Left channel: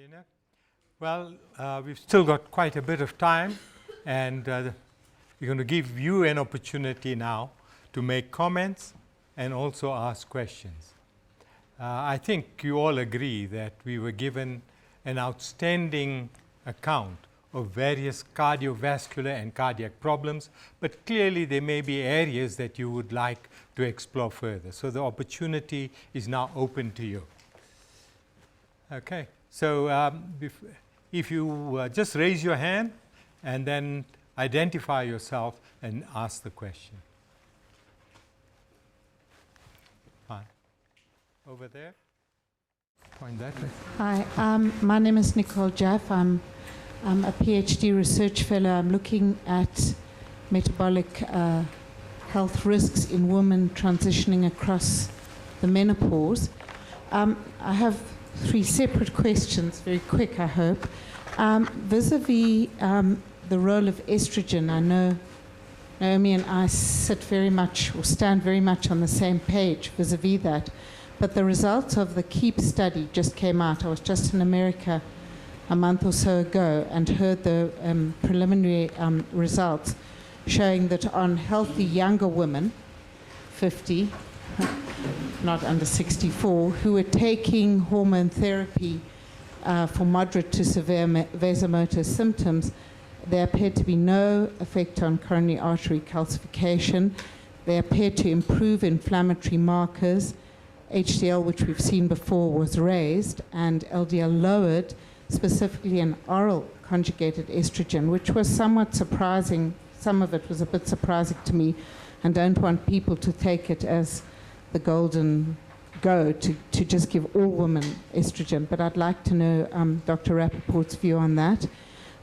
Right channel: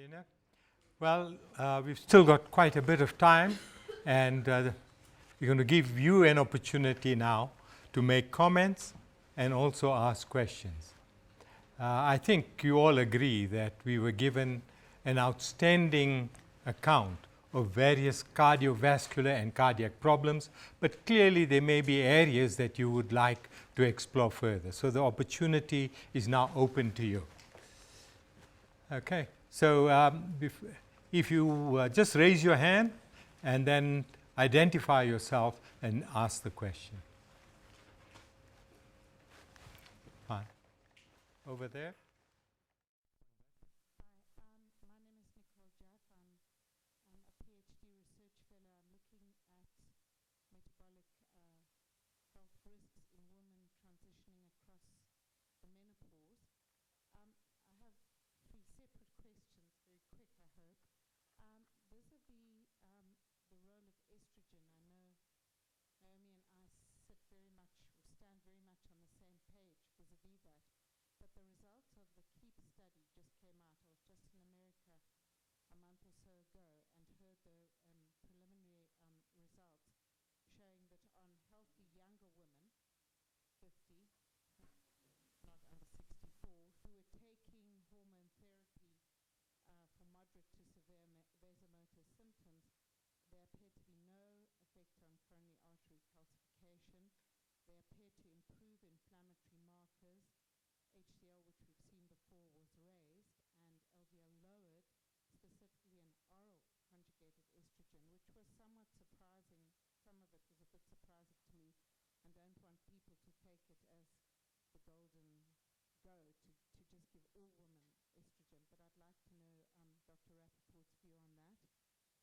Lena. Well, we've still got quite a bit of time, and we're going to give you an opportunity now to make comments and also ask questions. I think you all agree that we were given an outstanding account of various cardiovascular and cardiac problems, but clearly there may be areas that you would like to explore further. So the opportunity is now open to you. Okay, so if you just raise your hand and then identify yourself and ask the question. Fine. Over there. Point that way. Hi, my name is Nicole Jaff. I'm a PhD research fellow. I'm looking at metabolic health risks in women transitioning across the menopause. I have 3 separate questions, very quick, I hope. Vis-a-vis the role of estrogen, I know Naomi and I sit very much, or stand very much on the same page vis-a-vis that. But the results of the KEEP study just came out. I was just in America a month or so ago and heard the preliminary results showing that on healthy younger women, 50, not under 64, who were taking hormone therapy for moderate to severe vasomotor symptoms, there appeared to be no effect on coronary artery calcification. They appeared to improve inflammatory markers. HDL, which we've seen before, was raised, and LDL lowered, specifically an oral conjugated estrogen, which was somewhat surprising. Some of it was a bit surprising to me, and don't want people to take it as the golden go to just give all women estrogen. But I'd like to know Dr. Rappaport's view on that.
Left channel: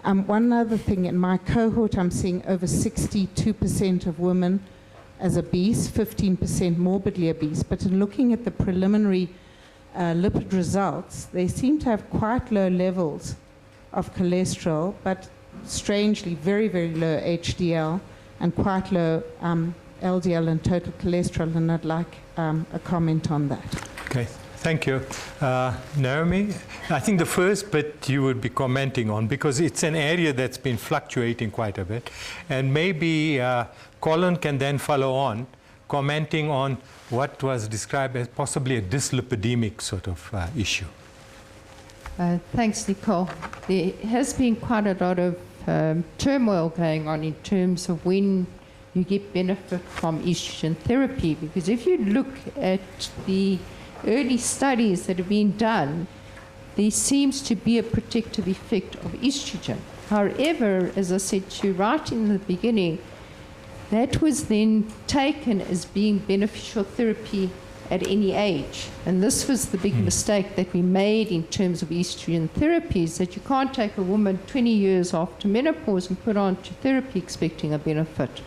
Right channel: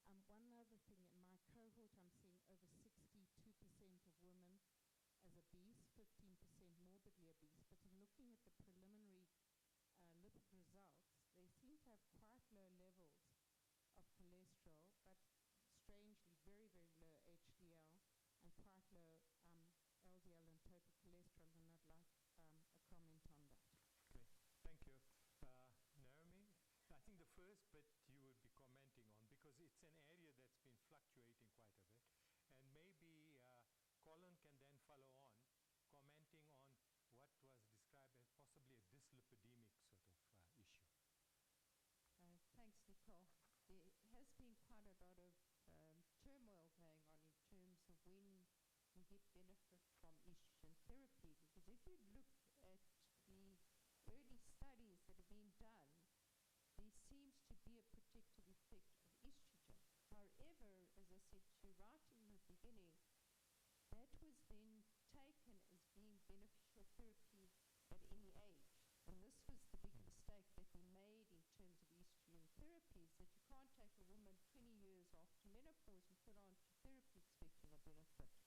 One other thing, in my cohort, I'm seeing over 62% of women as obese, 15% morbidly obese. But in looking at the preliminary lipid results, they seem to have quite low levels of cholesterol, but strangely very, very low HDL and quite low LDL and total cholesterol, and I'd like a comment on that. Okay, thank you. Naomi, I think the first bit you would be commenting on, because it's an area that's been fluctuating quite a bit, and maybe Colin can then follow on, commenting on what was described as possibly a dyslipidemic sort of issue. Thanks, Nicole. There has been quite a lot of turmoil going on in terms of when you get benefit from estrogen therapy, because if you look at the early studies that have been done, there seems to be a protective effect of estrogen. However, as I said to you right in the beginning, that was then taken as being beneficial therapy at any age. And this was the big mistake that we made in terms of estrogen therapies, that you can't take a woman 20 years after menopause and put on to therapy expecting a benefit.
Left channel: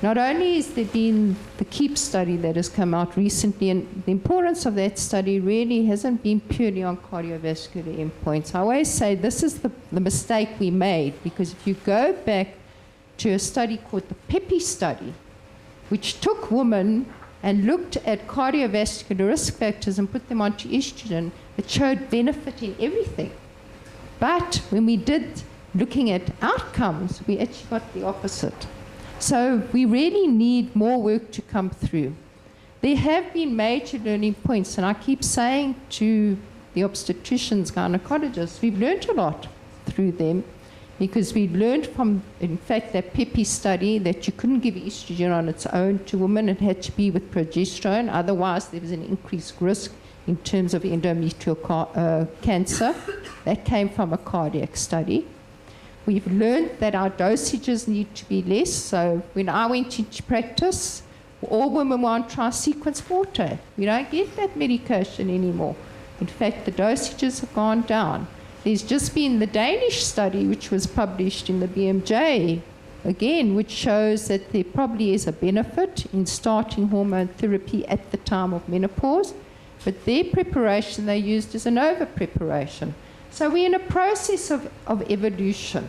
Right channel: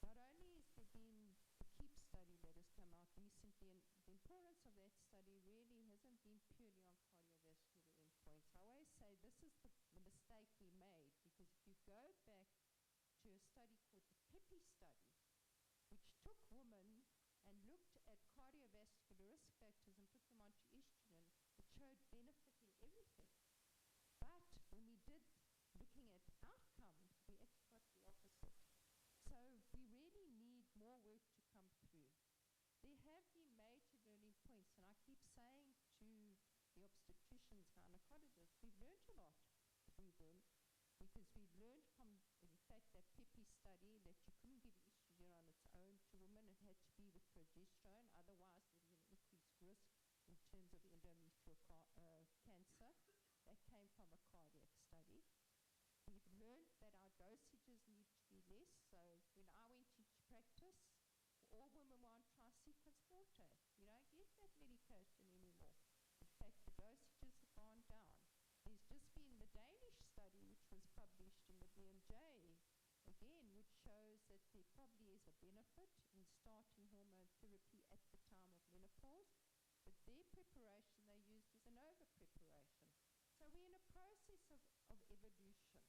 Not only has there been the KEEP study that has come out recently, and the importance of that study really hasn't been purely on cardiovascular endpoints. I always say this is the mistake we made, because if you go back to a study called the PEPI study, which took women and looked at cardiovascular risk factors and put them onto estrogen, it showed benefit in everything. But when we did looking at outcomes, we actually got the opposite. So we really need more work to come through. There have been major learning points, and I keep saying to the obstetricians, gynecologists, we've learned a lot through them, because we learned from, in fact, that PEPI study that you couldn't give estrogen on its own to women. It had to be with progesterone. Otherwise, there was an increased risk in terms of endometrial cancer. That came from a cardiac study. We've learned that our dosages need to be less. So when I went into practice, all women were on tri-sequence forte. We don't get that medication anymore. In fact, the dosages have gone down. There's just been the Danish study, which was published in the BMJ, again, which shows that there probably is a benefit in starting hormone therapy at the time of menopause, but their preparation they used is an over-preparation. So we're in a process of evolution.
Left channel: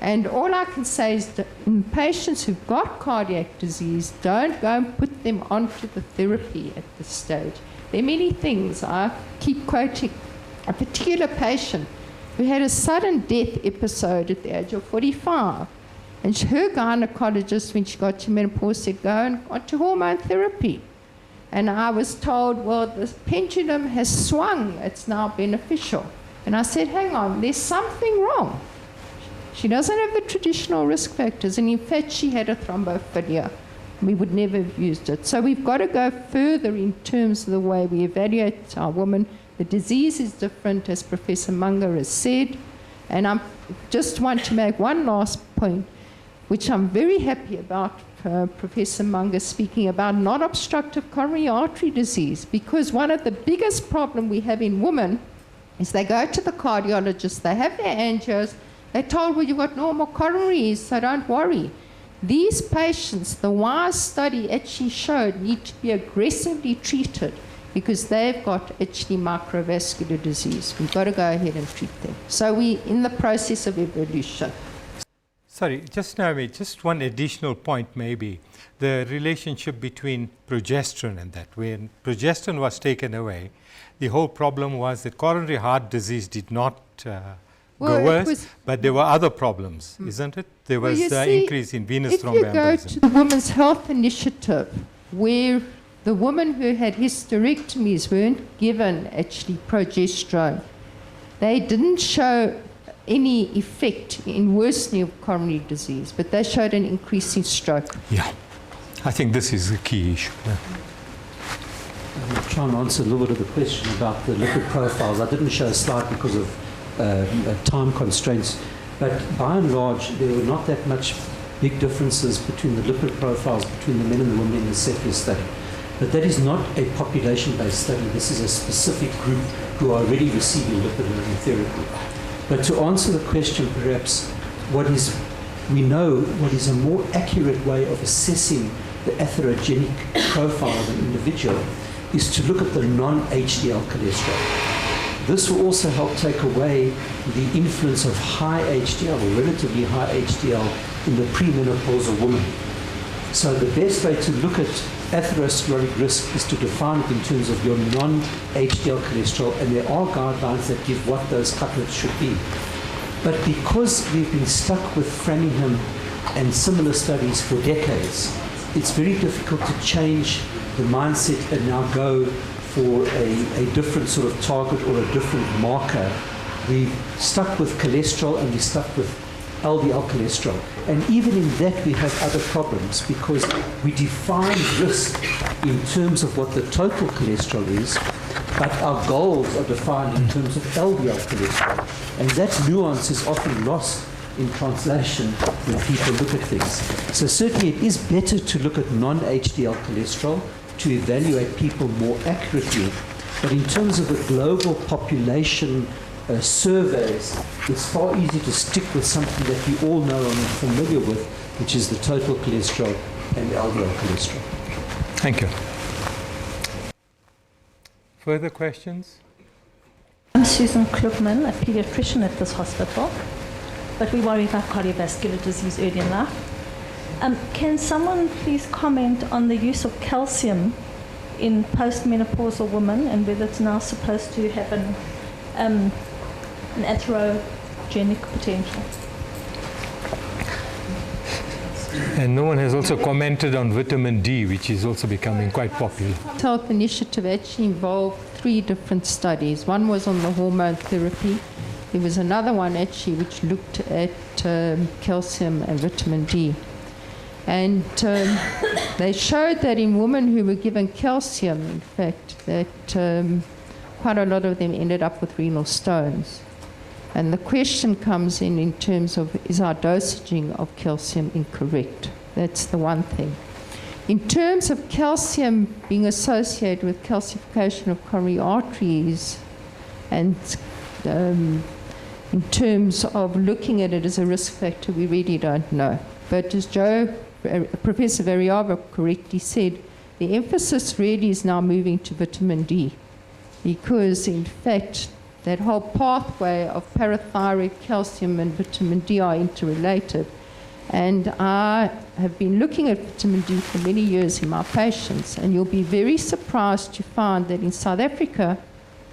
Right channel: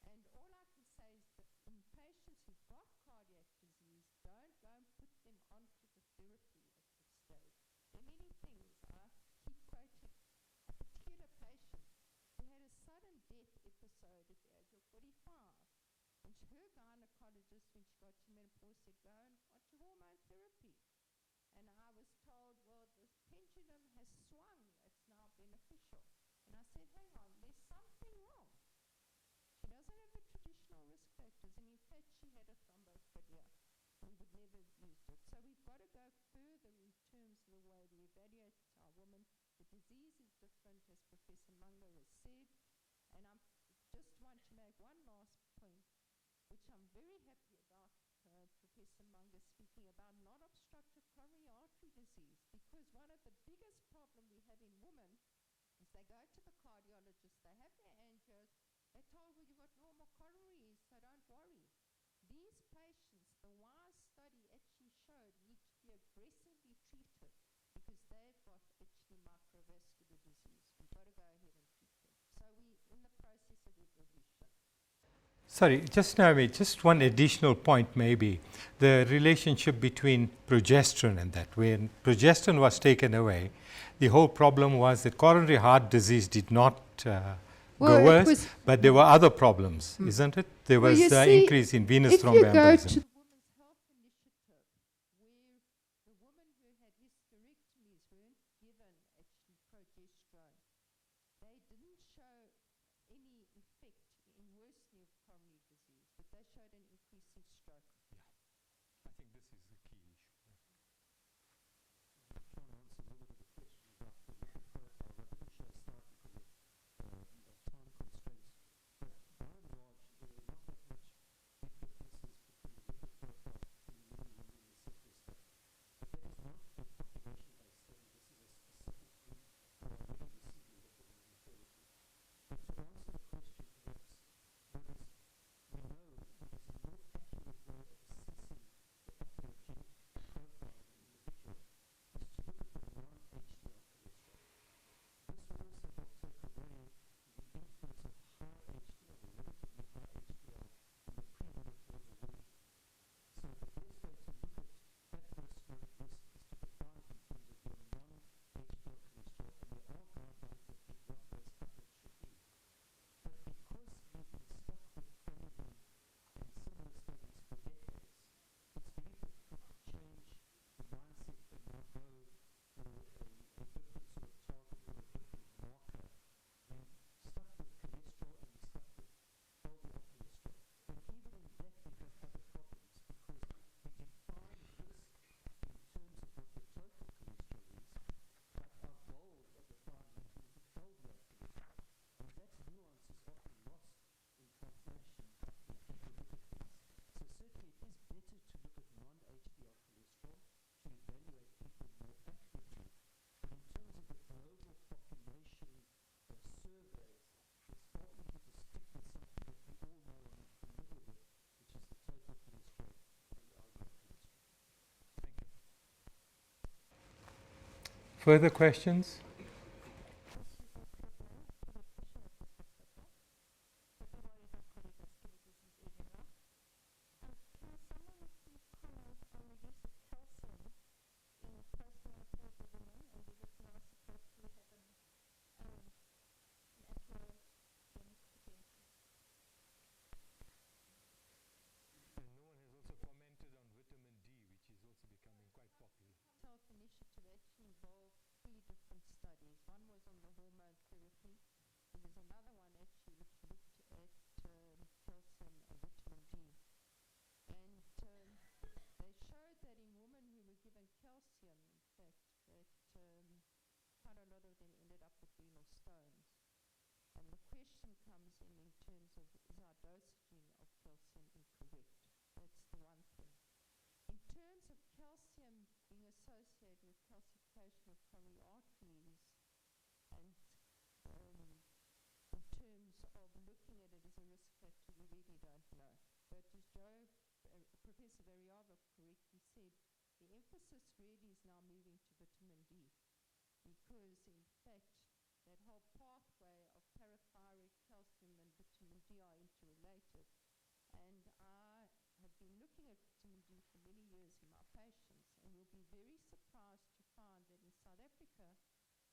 And all I can say is that in patients who've got cardiac disease, don't go and put them onto the therapy at this stage. There are many things. I keep quoting a particular patient who had a sudden death episode at the age of 45. And her gynecologist, when she got to menopause, said, go and got to hormone therapy. And I was told, well, the pendulum has swung. It's now beneficial. And I said, hang on, there's something wrong. She doesn't have the traditional risk factors. And in fact, she had a thrombophilia. We would never have used it. So we've got to go further in terms of the way we evaluate our women. The disease is different, as Professor Munger has said. And I just want to make one last point, which I'm very happy about Professor Munger speaking about non-obstructive coronary artery disease, because one of the biggest problems we have in women is they go to the cardiologist, they have their angios, they're told, well, you've got normal coronaries, so don't worry. These patients, the WISE study actually showed, need to be aggressively treated because they've got actually microvascular disease. We've got to go ahead and treat them. So we're in the process of evolution. Sorry, just one additional point maybe. The relationship between progesterone and that. When progesterone was taken away, the whole problem was that coronary heart disease did not go worse, but there were other problems, isn't it? There was increase in venous thromboembolism. If you go to the Women's Health Initiative, where the women who had hysterectomies weren't given actually progesterone, they didn't show any effect in worsening of coronary disease, but they showed an increase in stroke. Yeah, I think this is the key issue. Yeah. I'm trying to answer a little bit of the question about the lipid profiles. I didn't show a slide because of time constraints, but by and large, there were not that much big differences between the lipid profiles between the men and the women in the Cepheus study. But that is not a population-based study. This is a specific group who are already receiving lipid-lowering therapy. But to answer the question, perhaps, we know what is a more accurate way of assessing the atherogenic profile of an individual is to look at the non-HDL cholesterol. This will also help take away the influence of high HDL or relatively high HDL in the premenopausal woman. So the best way to look at atherosclerotic risk is to define it in terms of your non-HDL cholesterol, and there are guidelines that give what those cutoffs should be. But because we've been stuck with Framingham and similar studies for decades, it's very difficult to change the mindset and now go for a different sort of target or a different marker. We've stuck with cholesterol and we stuck with LDL cholesterol. And even in that we have other problems because we define risk in terms of what the total cholesterol is, but our goals are defined in terms of LDL cholesterol. And that nuance is often lost in translation when people look at things. So certainly it is better to look at non-HDL cholesterol to evaluate people more accurately. But in terms of the global population surveys, it's far easier to stick with something that we all know and are familiar with, which is the total cholesterol and LDL cholesterol. Thank you. Further questions? I'm Susan Klugman, a pediatrician at this hospital, but we worry about cardiovascular disease early in life. Can someone please comment on the use of calcium in postmenopausal women and whether it's now supposed to have an atherogenic potential? And no one has also commented on vitamin D, which is also becoming quite popular. The Health Initiative actually involved 3 different studies. One was on the hormone therapy. There was another one actually which looked at calcium and vitamin D. And they showed that in women who were given calcium, in fact, that quite a lot of them ended up with renal stones. And the question comes in terms of, is our dosaging of calcium incorrect? That's the one thing. In terms of calcium being associated with calcification of coronary arteries, and in terms of looking at it as a risk factor, we really don't know. But as Professor Variava correctly said, the emphasis really is now moving to vitamin D, because in fact that whole pathway of parathyroid calcium and vitamin D are interrelated. And I have been looking at vitamin D for many years in my patients, and you'll be very surprised to find that in South Africa,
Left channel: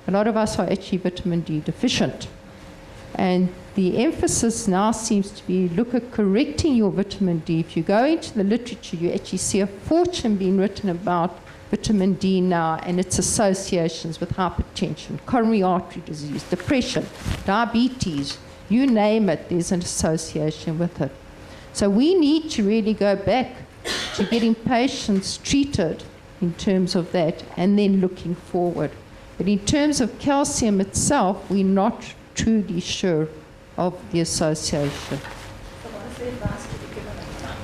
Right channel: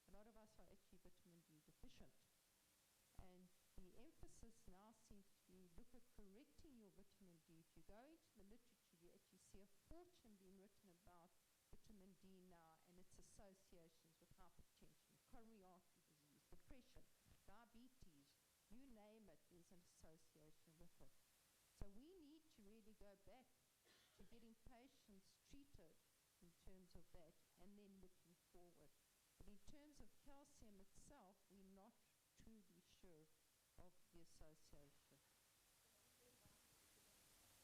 a lot of us are actually vitamin D deficient. And the emphasis now seems to be look at correcting your vitamin D. If you go into the literature, you actually see a fortune being written about vitamin D now and its associations with hypertension, coronary artery disease, depression, diabetes, you name it, there's an association with it. So we need to really go back to getting patients treated in terms of that and then looking forward. But in terms of calcium itself, we're not truly sure of the association.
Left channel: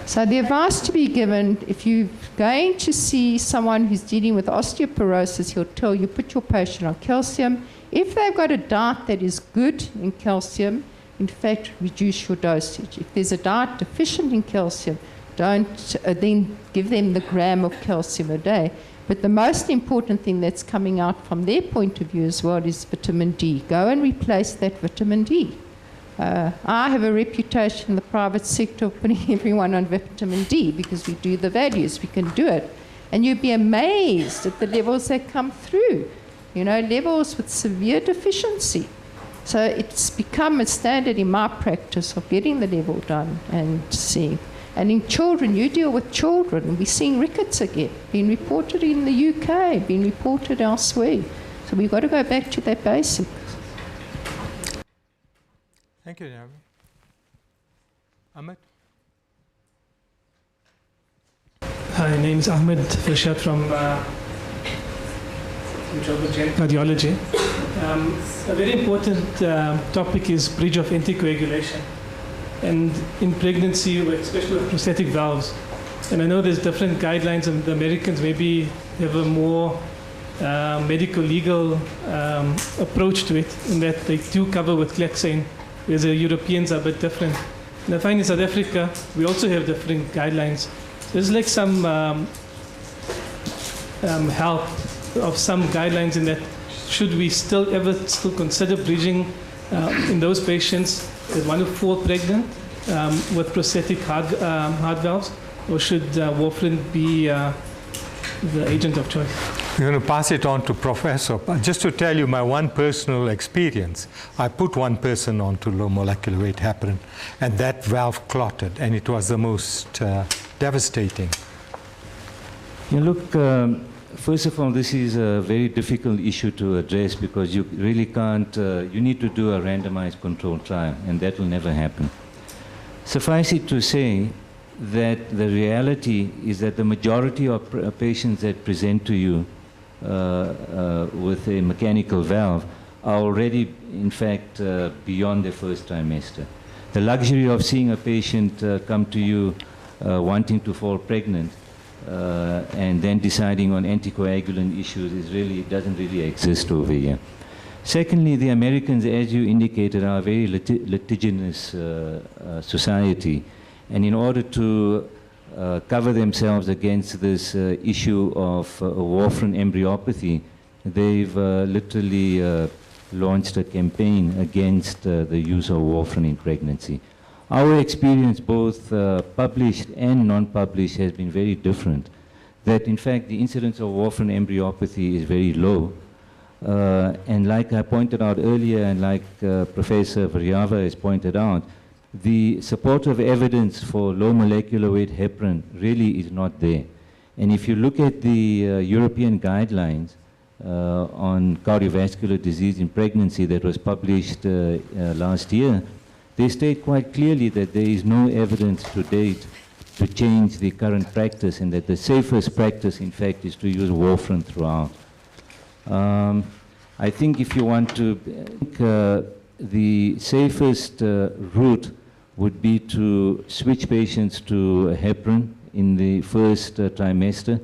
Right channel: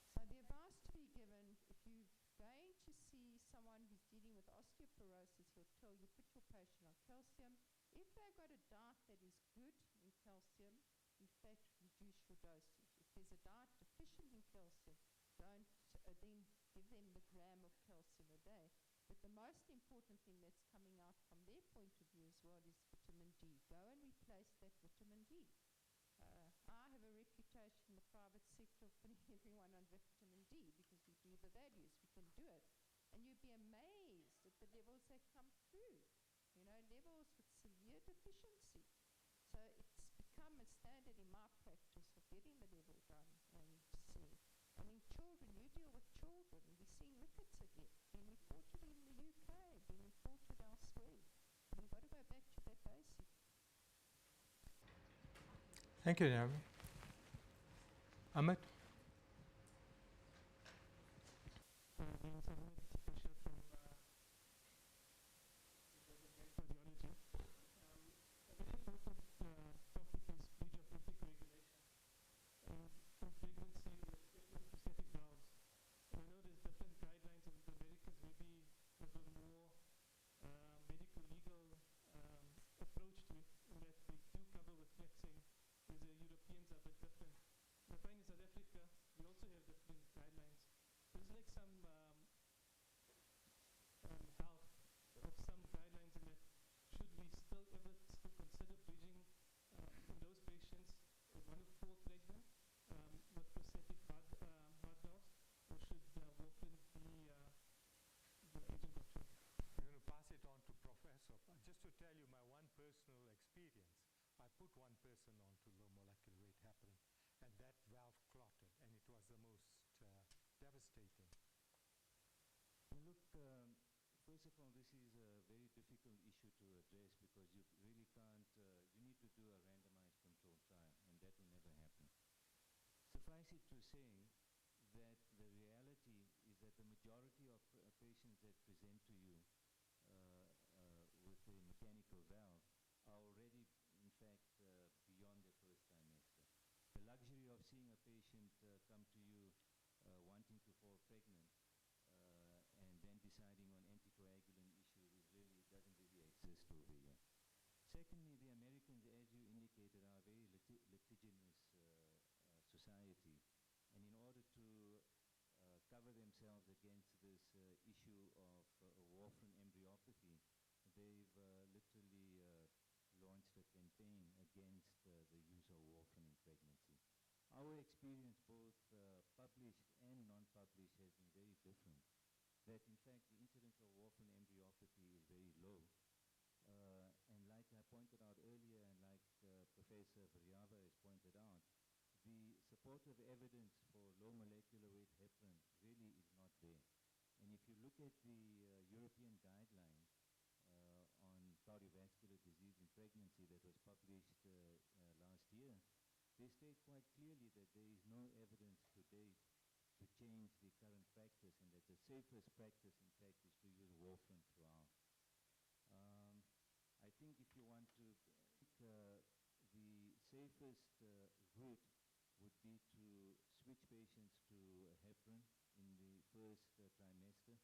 So the advice to be given, if you're going to see someone who's dealing with osteoporosis, he'll tell you, put your patient on calcium. If they've got a diet that is good in calcium, in fact, reduce your dosage. If there's a diet deficient in calcium, don't then give them the gram of calcium a day. But the most important thing that's coming out from their point of view as well is vitamin D. Go and replace that vitamin D. I have a reputation in the private sector of putting everyone on vitamin D because we do the values, we can do it. And you'd be amazed at the levels that come through, you know, levels with severe deficiency. So it's become a standard in my practice of getting the level done and seeing. And in children, you deal with children. We're seeing rickets again, being reported in the UK, being reported elsewhere. So we've got to go back to that basics. Thank you, Naomi. Ahmed? Hi, my name is Ahmed Farshad from cardiology. A very important topic is bridge of anticoagulation. And in pregnancy, especially with prosthetic valves. And I know there's different guidelines, and the Americans maybe have a more medical, legal approach to it, in that they do cover with Klexane, whereas the Europeans are a bit different. And I find in South Africa, we also have different guidelines. There's like some help of some guidelines in that should we still consider bridging in those patients that want to fall pregnant with prosthetic heart valves, or should warfarin be the agent of choice? We're going to pass it on to Professor. But just to tell you my one personal experience, I put one person onto low molecular weight heparin, and that valve clotted, and it was the most devastating. Yeah, look, first of all, this is a very difficult issue to address because you really can't, you need to do a randomized controlled trial, and that will never happen. Suffice it to say that the reality is that the majority of patients that present to you with a mechanical valve are already, in fact, beyond their first trimester. The luxury of seeing a patient come to you wanting to fall pregnant and then deciding on anticoagulant issues doesn't really exist over here. Secondly, the Americans, as you indicated, are a very litigious society, and in order to cover themselves against this issue of warfarin embryopathy, they've literally launched a campaign against the use of warfarin in pregnancy. Our experience, both published and non-published, has been very different. That in fact the incidence of warfarin embryopathy is very low. And like I pointed out earlier, and like Professor Varyava has pointed out, the supportive evidence for low molecular weight heparin really is not there. And if you look at the European guidelines on cardiovascular disease in pregnancy that was published last year, they state quite clearly that there is no evidence to date to change the current practice, and that the safest practice, in fact, is to use warfarin throughout. I think if you want to, the safest route would be to switch patients to heparin in the first trimester.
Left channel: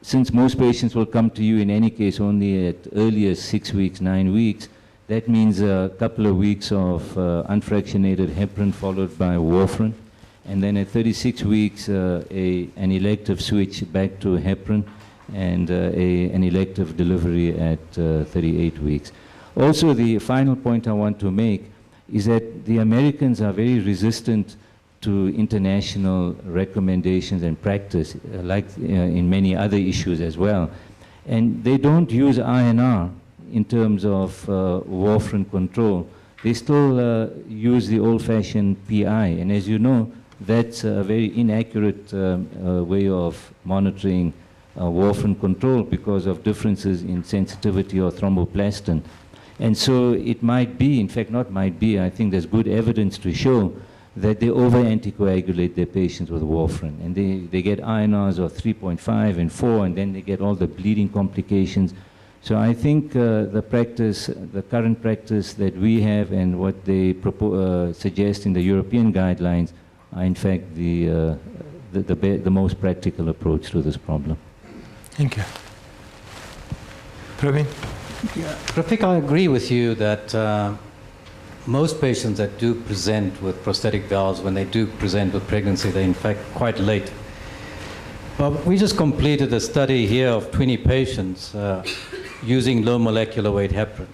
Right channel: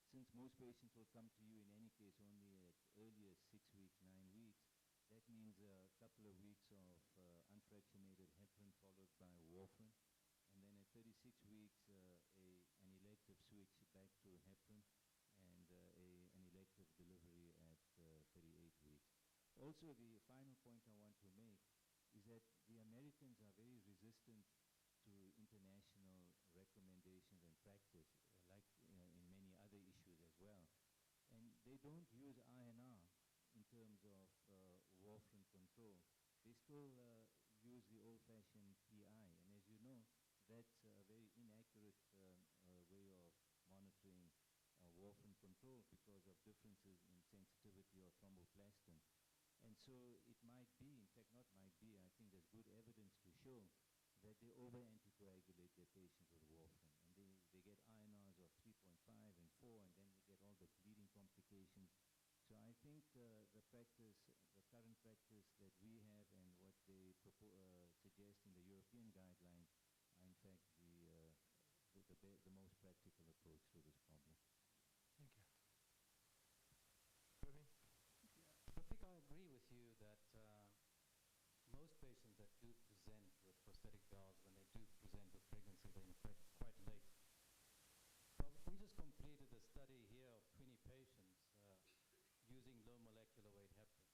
Since most patients will come to you in any case only at earliest 6 weeks, 9 weeks, that means a couple of weeks of unfractionated heparin followed by warfarin. And then at 36 weeks, an elective switch back to heparin, and an elective delivery at 38 weeks. Also, the final point I want to make is that the Americans are very resistant to international recommendations and practice, like in many other issues as well. And they don't use INR in terms of warfarin control, they still use the old-fashioned PI. And as you know, that's a very inaccurate way of monitoring warfarin control because of differences in sensitivity or thromboplastin. And so it might be, in fact not might be, I think there's good evidence to show that they over-anticoagulate their patients with warfarin. And they get INRs of 3.5 and 4, and then they get all the bleeding complications. So I think the current practice that we have and what they suggest in the European guidelines are in fact the most practical approach to this problem. Thank you. Praveen? Rafik, I agree with you that most patients that do present with prosthetic valves, when they do present with pregnancy, they're in fact quite late. But we just completed a study here of 20 patients using low molecular weight heparin.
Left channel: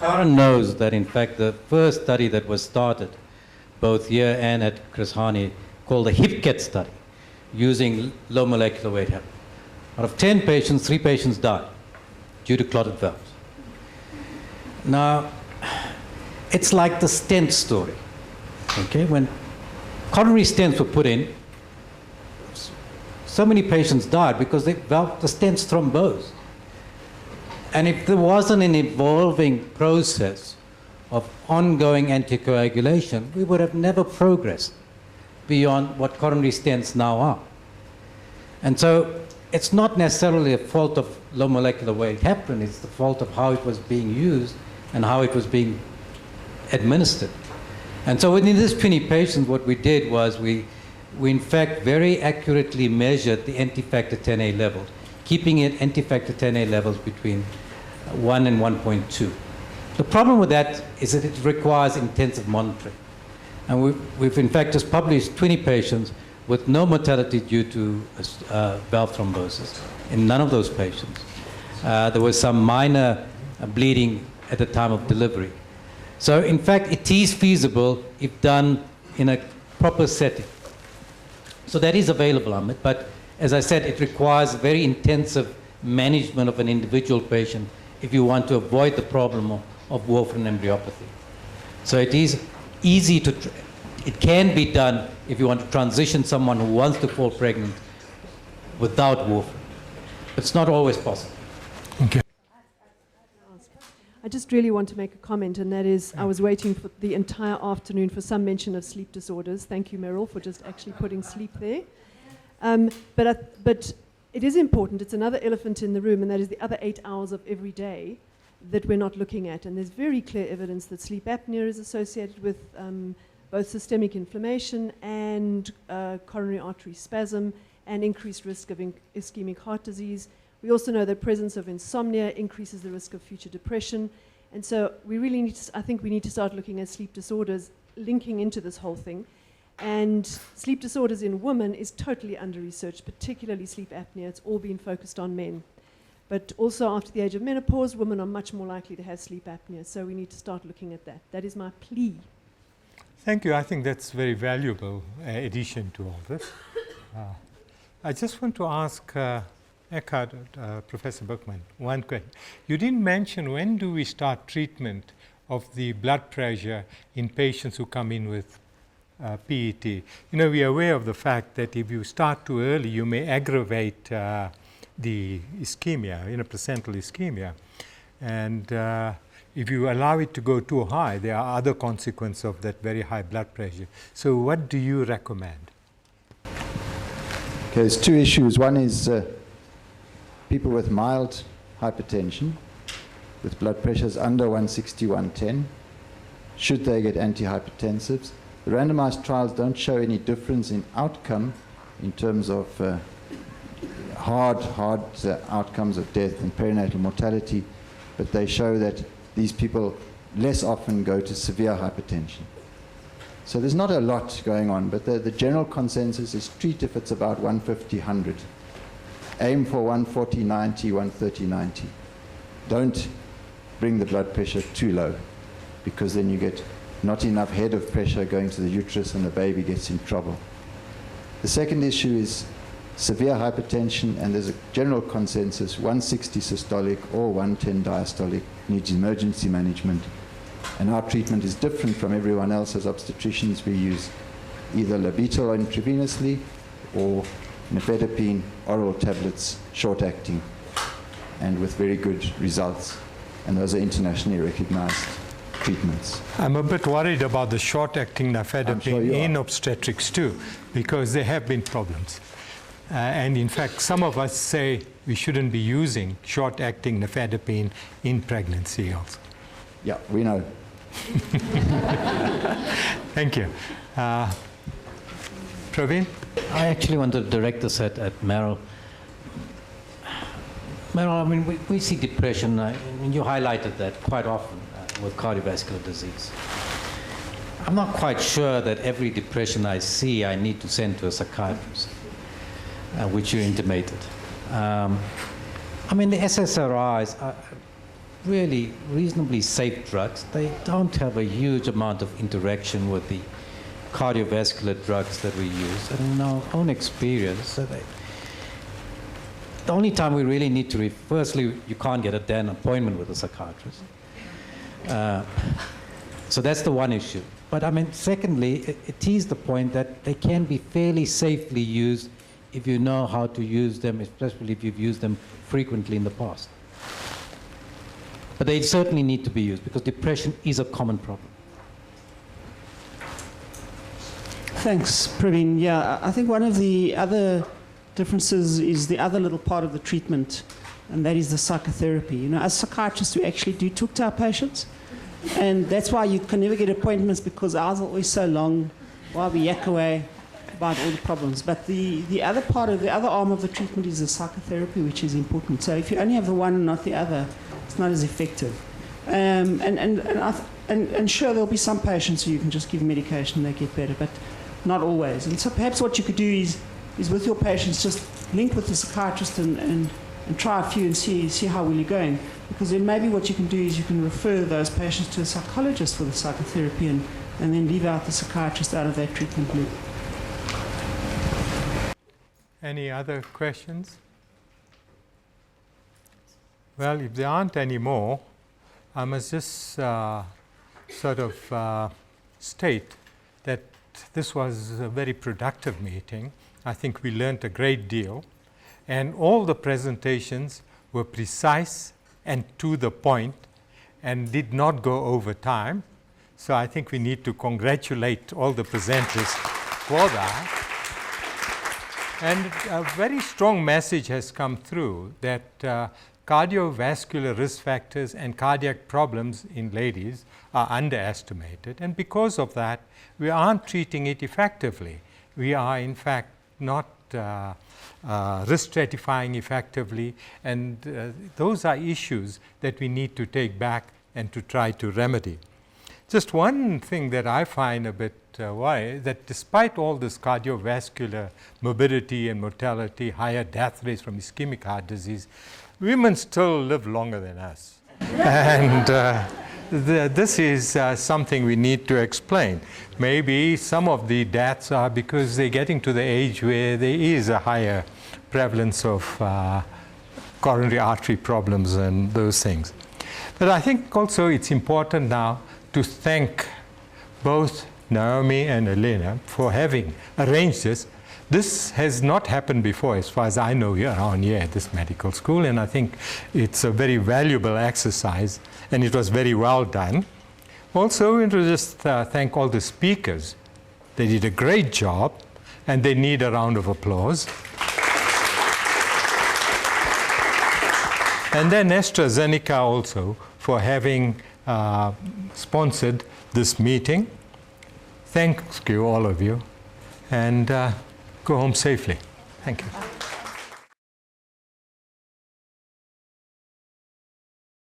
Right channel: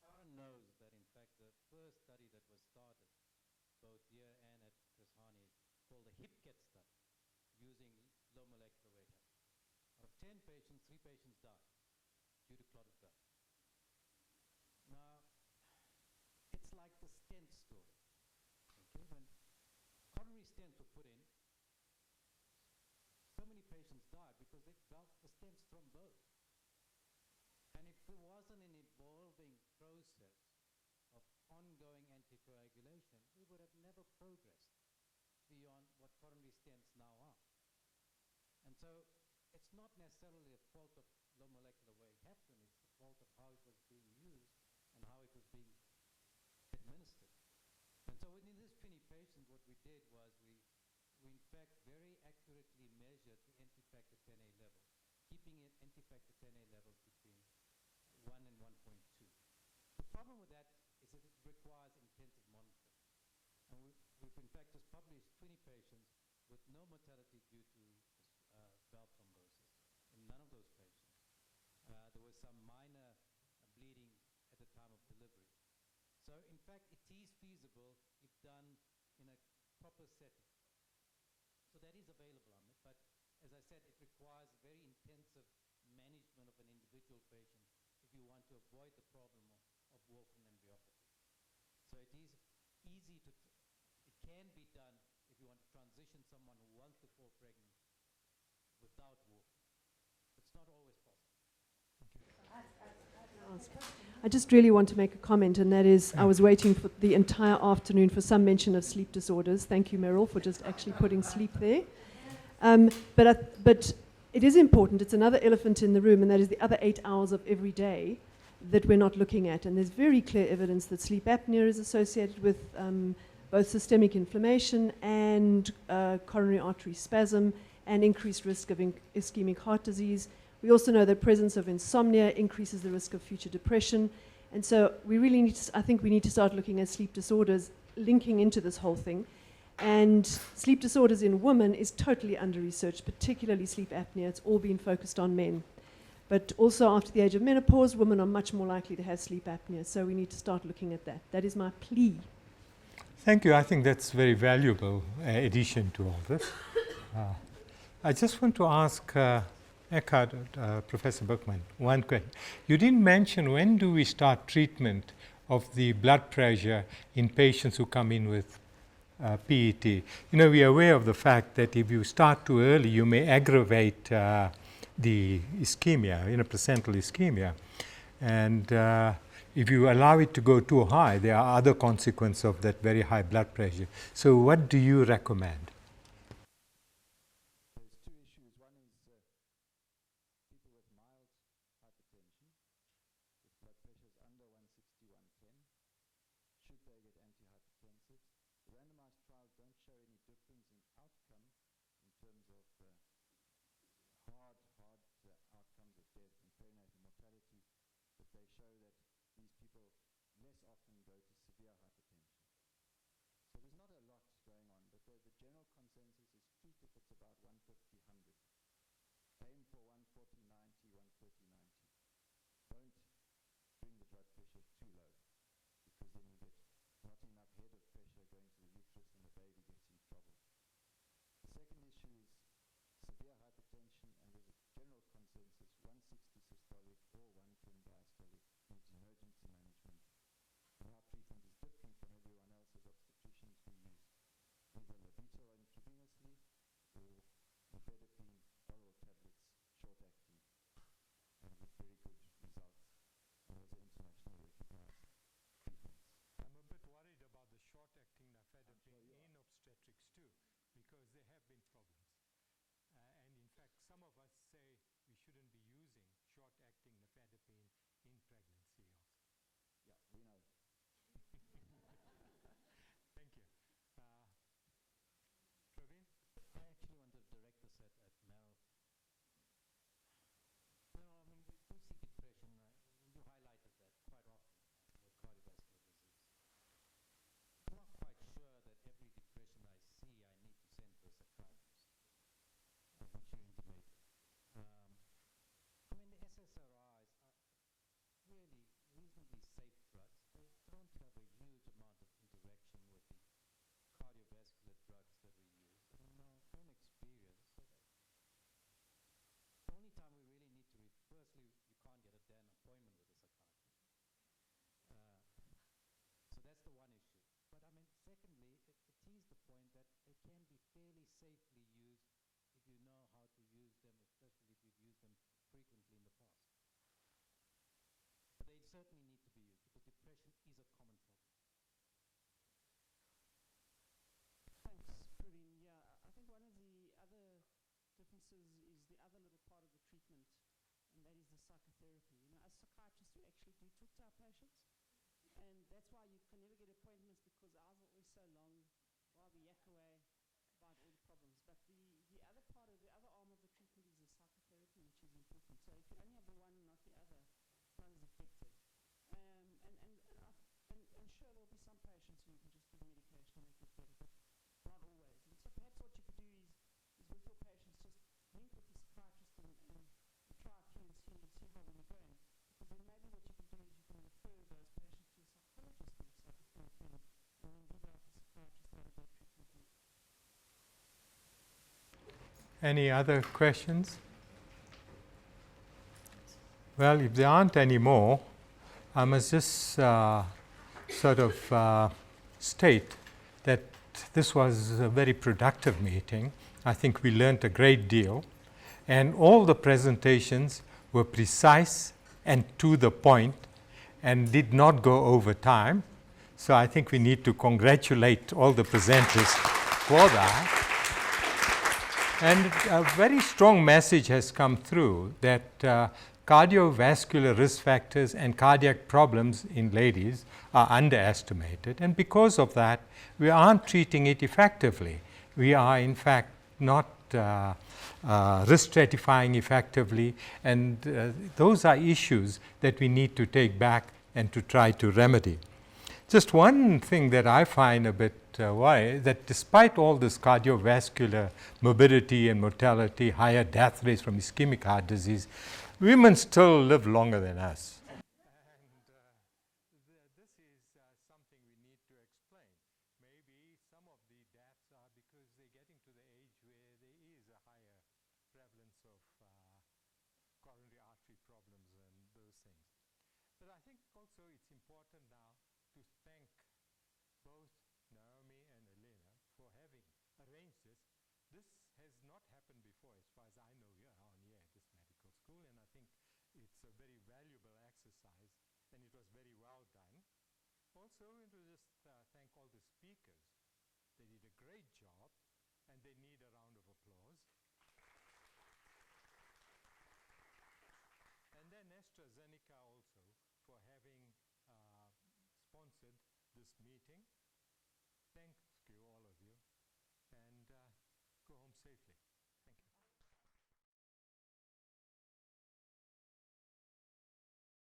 Karen knows that in fact the first study that was started, both here and at Chris Hani, called the HIPCAT study, using low molecular weight heparin. Out of 10 patients, 3 patients died due to clotted valves. Now, it's like the stent story. Okay, when coronary stents were put in, so many patients died because the stents thrombosed. And if there wasn't an evolving process of ongoing anticoagulation, we would have never progressed beyond what coronary stents now are. And so it's not necessarily a fault of low molecular weight heparin, it's the fault of how it was being used and how it was being administered. And so within this 20 patients, what we did was we in fact very accurately measured the anti-factor 10A levels, keeping it anti-factor 10A levels between 1 and 1.2. The problem with that is that it requires intensive monitoring. And we've in fact just published 20 patients with no mortality due to valve thrombosis in none of those patients. There was some minor bleeding at the time of delivery. So in fact, it is feasible if done in a proper setting. So that is available, Amit, but as I said, it requires very intensive management of an individual patient if you want to avoid the problem of warfarin embryopathy. So it is easy to, it can be done if you want to transition someone who wants to fall pregnant without warfarin. But it's not always possible. Okay. I just really want to make a comment, and that is I was waiting for the entire afternoon for some mention of sleep disorders. Thank you, Meryl, for just actually putting sleep there. But it is important. It's another elephant in the room, and that is the other 8 hours of every day that we're not looking at. And there's very clear evidence that sleep apnea is associated with both systemic inflammation and coronary artery spasm and increased risk of ischemic heart disease. We also know that presence of insomnia increases the risk of future depression. And so we really need to, I think we need to start looking at sleep disorders linking into this whole thing. And sleep disorders in women is totally under-researched, particularly sleep apnea. It's all been focused on men. But also after the age of menopause, women are much more likely to have sleep apnea. So we need to start looking at that. That is my plea. Thank you. I think that's a very valuable addition to all this. I just want to ask Eckhard, Professor Buchman, one question. You didn't mention when do we start treatment of the blood pressure in patients who come in with PET. You know, we are aware of the fact that if you start too early, you may aggravate the ischemia, placental ischemia. And if you allow it to go too high, there are other consequences of that very high blood pressure. So what do you recommend? Okay, there's two issues. One is people with mild hypertension, with blood pressures under 160, 110, should they get antihypertensives? The randomized trials don't show any difference in outcome in terms of hard outcomes of death and perinatal mortality, but they show that these people less often go to severe hypertension. So there's not a lot going on, but the general consensus is treat if it's about 150, 100. Aim for 140, 90, 130, 90. Don't bring the blood pressure too low, because then you get not enough head of pressure going to the uterus and the baby gets in trouble. The second issue is severe hypertension, and there's a general consensus, 160 systolic or 110 diastolic needs emergency management. And our treatment is different from everyone else. As obstetricians, we use either labetal intravenously or nifedipine oral tablets, short-acting, and with very good results. And those are internationally recognized treatments. I'm a bit worried about the short-acting nifedipine in obstetrics too, because there have been problems. And in fact, some of us say we shouldn't be using short-acting nifedipine in pregnancy also. Yeah, we know. Thank you. Praveen? I actually want to direct this at Meryl. Meryl, I mean, we see depression, and you highlighted that quite often with cardiovascular disease. I'm not quite sure that every depression I see I need to send to a psychiatrist, which you intimated. I mean, the SSRIs are really reasonably safe drugs. They don't have a huge amount of interaction with the cardiovascular drugs that we use. And in our own experience, the only time we really need to, firstly, you can't get an appointment with a psychiatrist. So that's the one issue. But I mean, secondly, it is the point that they can be fairly safely used if you know how to use them, especially if you've used them frequently in the past. But they certainly need to be used because depression is a common problem. Thanks, Praveen. Yeah, I think one of the other differences is the other little part of the treatment, and that is the psychotherapy. You know, as psychiatrists, we actually do talk to our patients, and that's why you can never get appointments, because ours are always so long while we yak away about all the problems. But the other part of the other arm of the treatment is the psychotherapy, which is important. So if you only have the one and not the other, it's not as effective. And sure, there'll be some patients who you can just give medication and they get better, but not always. And so perhaps what you could do is with your patients just link with the psychiatrist and try a few and see how well you're going. Because then maybe what you can do is you can refer those patients to a psychologist for the psychotherapy and then leave out the psychiatrist out of that treatment loop. Any other questions? Well, if there aren't any more, I must just sort of state that this was a very productive meeting. I think we learned a great deal, and all the presentations were precise and to the point and did not go over time. So I think we need to congratulate all the presenters for that. And a very strong message has come through that cardiovascular risk factors and cardiac problems in ladies are underestimated. And because of that, we aren't treating it effectively. We are, in fact, not risk stratifying effectively. And those are issues that we need to take back and to try to remedy. Just one thing that I find a bit worrying, that despite all this cardiovascular morbidity and mortality, higher death rates from ischemic heart disease, women still live longer than us. And this is something we need to explain. Maybe some of the deaths are because they're getting to the age where there is a higher prevalence of coronary artery problems and those things. But I think also it's important now to thank both Naomi and Elena for having arranged this. This has not happened before, as far as I know, around here at this medical school, and I think it's a very valuable exercise, and it was very well done. Also, we want to just thank all the speakers. They did a great job, and they need a round of applause. And then AstraZeneca also for having sponsored this meeting. Thank you, all of you, and go home safely. Thank you.